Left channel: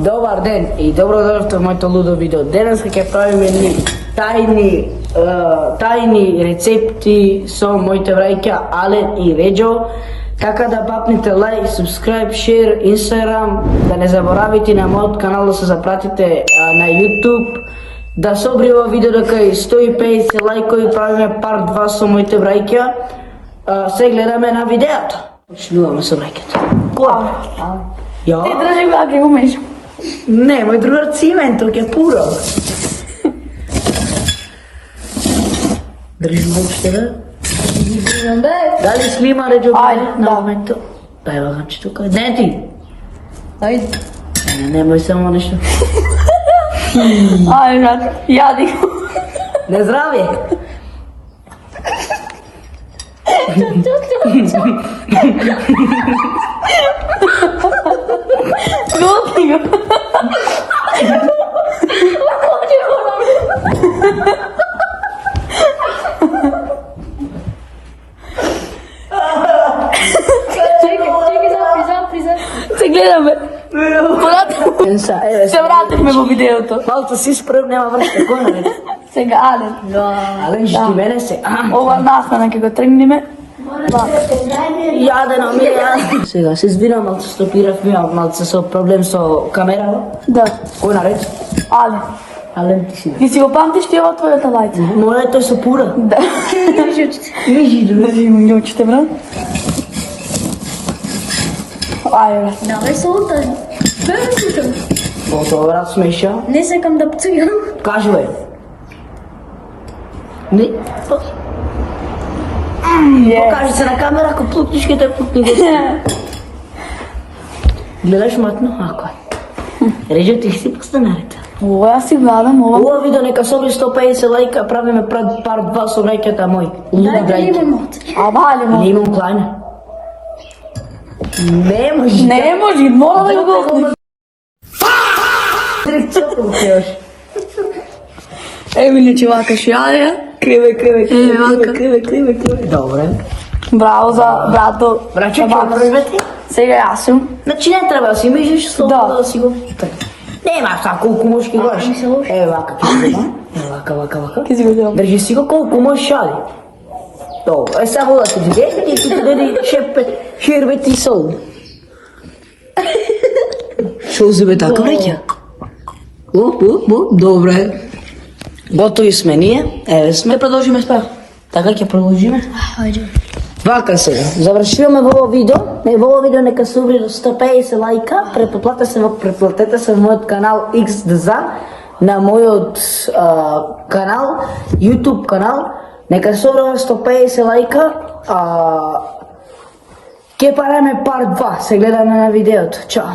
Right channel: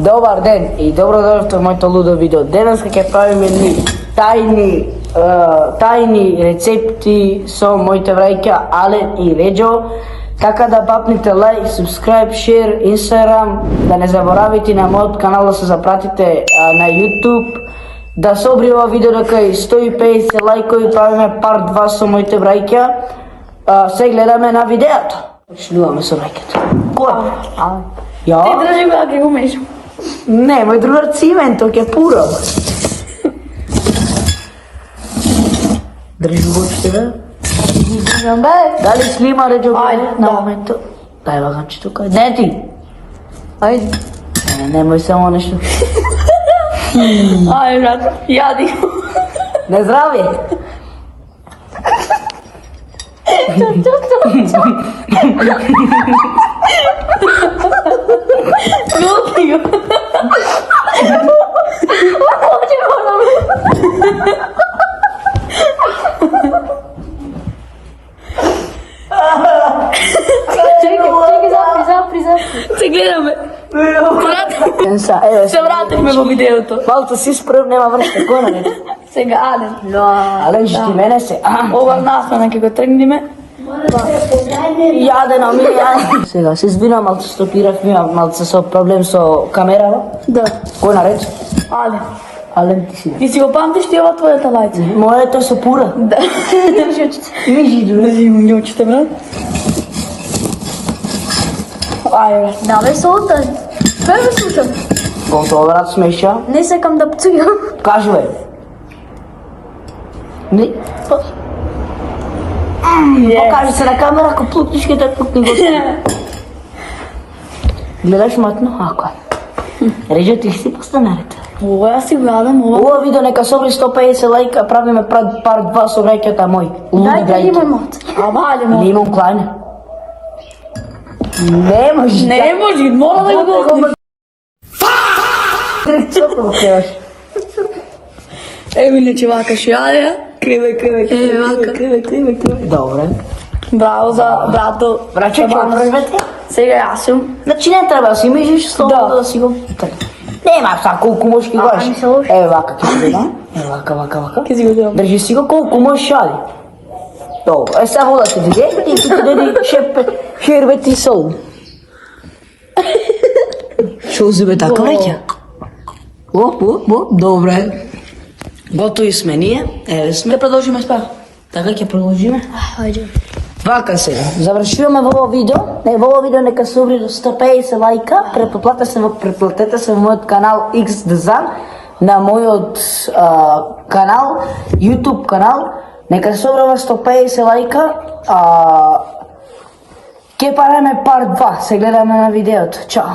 Добар ден и добро дојдовте во моето лудо видео. Денес ќе правиме тајни рецепти со моите враќа Ален и Реџо. Така да бапните лайк, subscribe, share, Instagram, да не заборавите на мојот канал да се запратите на YouTube. Да собри ова видео дека 150 лайкови, правиме part 2 со моите враќа. Се гледаме на видеото. Почнуваме со враќата. Кој? Ја? Ти држи го ако умеш. Не, мој другар Цименто ќе пура. Држи бочите, да? Држам, бе. Дали снима Реџо Ајде, на да. моментот? Дај лагаче тука. Не ти. Ајде. Немој само нешто. Ајде, јади. Не здравје. Лупи го. Чекай, запри. Се гледаме. Се вратихме во видеото. Малто си спрем, нема вршка. Кој не рече? Сега Ален. Ален, ти мене се. Ова настана ќе го тргнеме. Јаде на ми. Сега се избирам, малце стопирав, имам малце со проблем со камерава. Да. Кој нарече? Ален. Ален, ти си. Ти си го памтиш ти ова твојата лајца? Моето е со пура. Да. Вижи, Држи ми очите, брат. Ајде. Давай се отај. Бе ме слушам. Готово, брат, смеша. Не секам да пцујам. Кажи, бе. Не. Покажи се на камера, ако плукнеш, ке те плукни го. Гледаш матно? Ако е. Реџо, ти си постанарете. Ова ја си гледам, ова. Ова видео нека собри 150 лајка, правиме part 2 со враќата мој. Дај да имамот. А валено. Не имам клајна. Не може. Не може, мора да го го. Дирекција го креваш. Емиле чувака шијаја. Криве. Добре. Браво за брато. Враќа, ќе опрвете? Сега јас сум. Значи не треба да си мислиш слободно да си го... Нема са колку можеш ќе гаш. Еве вака ќе видам. Еве вака. Ке си го дам. Држи си го колку можеш шали. Добро. Е сега вода ти дојде и ти дојде шербет и сол. Што зебе така ваќа? Добре. Готови сме ние. Еве сме. Продолжиме спав. Така ќе продолжиме. Ајде. Вака сега, завршуваме во ова видео. Во ова видео нека се обри 150 лајка. Преплатете се во мојот канал XDZ, на мојот канал, YouTube канал. Нека се обри 150 лајка. Ке параме part 2. Се гледаме на видеото. Чао.